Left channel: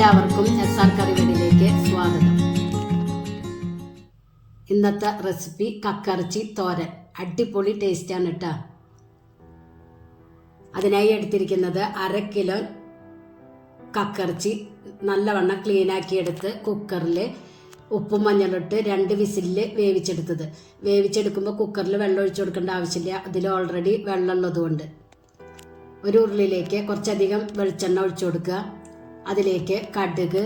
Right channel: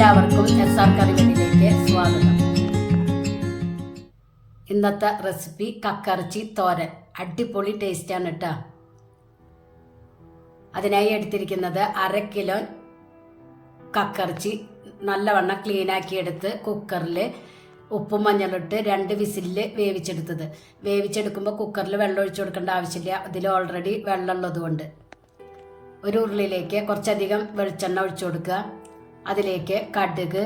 എല്ലാവർക്കും SR കറിവേടിയിലേക്ക് സ്വാഗതം. ഇന്നത്തെ റെസിപ്പി കക്കറച്ചി തോരൻ. അടിപൊളി ടേസ്റ്റാണ് കേട്ടോ. അതിനായി എടുത്തിരിക്കുന്നത് 1/2 കിലോ കക്കറച്ചി നല്ലവണ്ണം ക്ലീനാക്കി എടുത്ത് കുക്കറിൽ ഉപ്പും മഞ്ഞളിട്ട് 2 വിസിലിൽ വേവിച്ചെടുത്തത്. വേവിച്ചെടുക്കുമ്പോൾ കുക്കറിൽ വെള്ളം ഒഴിച്ചു കൊടുക്കേണ്ട ആവശ്യമില്ല, അതിൽ ഓൾറെഡി വെള്ളം ഉള്ളതുകൊണ്ട്. ഒരു ഉരുളിയിലേക്ക് കുറച്ചധികം വെളിച്ചെണ്ണ ഒഴിച്ചു കൊടുക്കുക. അതിലേക്ക് കടുക്,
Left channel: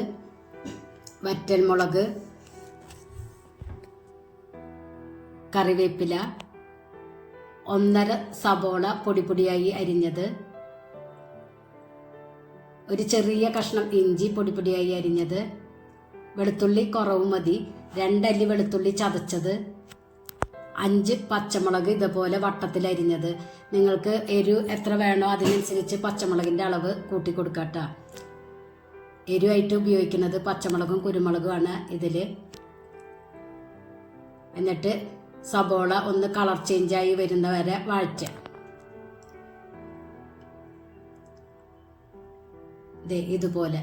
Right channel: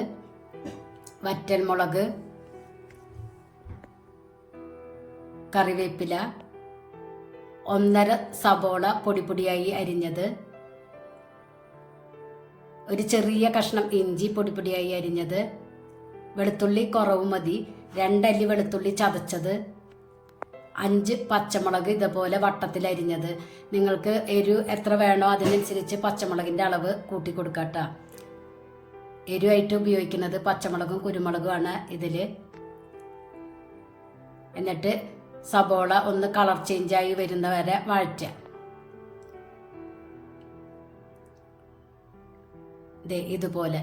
വറ്റൽമുളക്, കറിവേപ്പില, 1/2 സബോള പൊടിപ്പൊടിയായി അരിഞ്ഞത്, ഒരു ചെറിയ കഷ്ണം ഇഞ്ചി പൊടിപ്പൊടിയായി അരിഞ്ഞത്, വെളുത്തുള്ളി കുറവ് മതി, 2 അല്ലി വെളുത്തുള്ളി ചതച്ചത്, 5 പച്ചമുളക് ഇതുപോലെ വട്ടത്തിൽ അരിഞ്ഞത്. നിങ്ങൾക്ക് എരിവ് എത്ര വേണോ അതിനനുസരിച്ച് പച്ചമുളകിൻ്റെ അളവ് കൂട്ടി കൊടുക്കട്ടോ. എരിവായിട്ട് ഉപയോഗിക്കുന്നത് പച്ചമുളകും കുരുമുളകുമാണ് ഇതിൽ. എന്നിട്ട് സബോള ഒന്ന് കളർ ചേഞ്ചായി വരുന്ന വരെ വഴറ്റുക. ഇതുപോലെ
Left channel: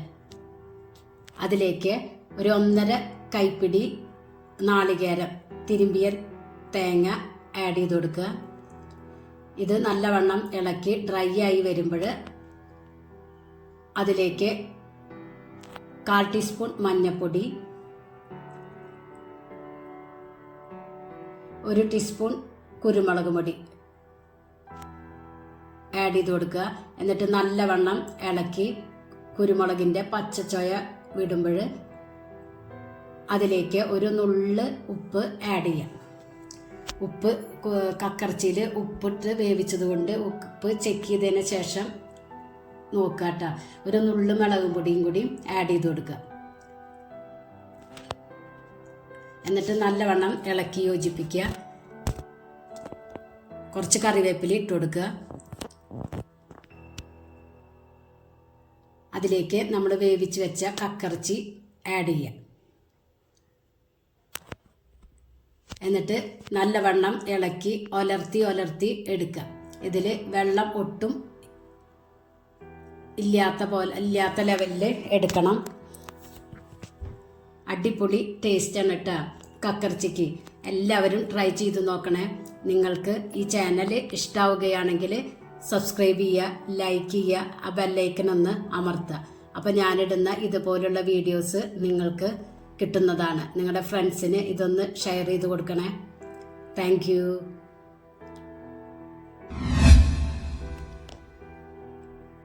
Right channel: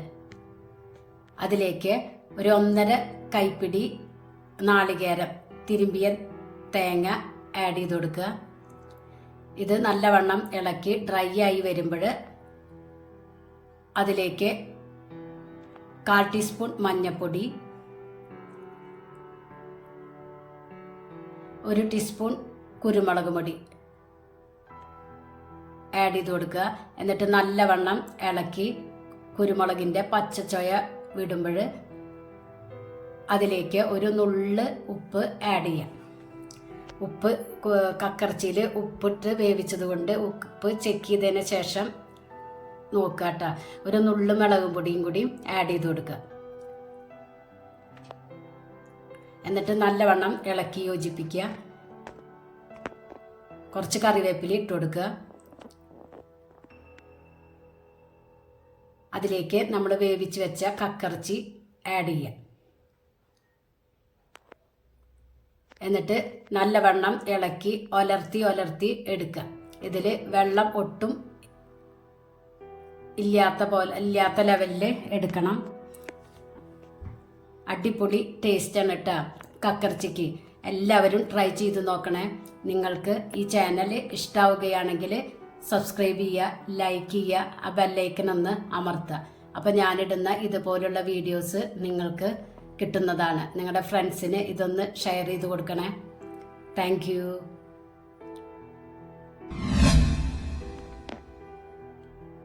അതിലേക്ക് ഒരു 1.5 കൈപ്പിടി നാളികേരം തിരുമ്പിയ തേങ്ങ ആഡ് ചെയ്ത് കൊടുക്കുക. ഇത് നല്ലവണ്ണം ഇളക്കി ഡ്രൈ ആയി വരുമ്പോൾ അതിലേക്ക് 1/4 ടീസ്പൂൺ മഞ്ഞൾപ്പൊടി, 1 ടീസ്പൂൺ കുരുമുളക് പൊടി ആഡ് ചെയ്ത് കൊടുക്കുക. എന്നിട്ട് നല്ലവണ്ണം ഇളക്കി കുരുമുളകിൻ്റെ പച്ചച്ചൊയ വിടുമ്പോൾ അതിലേക്ക് ഒരു നുള്ള് ഉപ്പ് ആഡ് ചെയ്യാം. ഉപ്പ് കക്കറച്ചിയിൽ ഉപ്പിട്ട് വേവിച്ചത് കൊണ്ട് ഉപ്പ് ചെക്ക് ചെയ്തതിന് ശേഷം നോക്കുക കേട്ടോ. ഒരു നുള്ളു മുളകും പൊടിയും കൂടി ആഡ് ചെയ്ത് കൊടുക്കുക. എന്നിട്ട് നല്ലവണ്ണം ഇളക്കി യോജിപ്പിക്കുക. കുറച്ച് കറിവേപ്പില ഇട്ട് കൊടുക്കുക. അതിലേക്ക് നമ്മൾ വേവിച്ച് വെച്ച കക്കറച്ചി ആഡ് ചെയ്യുക. എന്നിട്ട് നല്ലവണ്ണം ഇളക്കി ഒലർത്തി എടുക്കുക. ഇതിൽ വെള്ളം ഒട്ടും ഇല്ലാത്ത ലെവലിൽ എടുക്കണം. അടിപൊളി ടേസ്റ്റാണ് കേട്ടോ കക്കറച്ചിക്ക്. എല്ലാവരും ട്രൈ ചെയ്ത് നോക്കണേ. നിങ്ങൾക്ക് ഈ ചാനൽ ഇഷ്ടമാവുകയാണെങ്കിൽ സബ്സ്ക്രൈബ് ചെയ്യുക, ലൈക്ക് ചെയ്യുക, ആ ബെല്ലൈക്കൺ ഒന്ന് അമർത്തുക. അപ്പോൾ ഞാനിടുന്ന ഇതുപോലുള്ള വീഡിയോസ് നിങ്ങൾക്ക് കിട്ടുന്നതാണ്. നിങ്ങളുടെ ഫ്രണ്ട്സിന് ഇതൊന്ന് ഷെയർ ചെയ്ത് കൊടുക്കണേ. Thank you.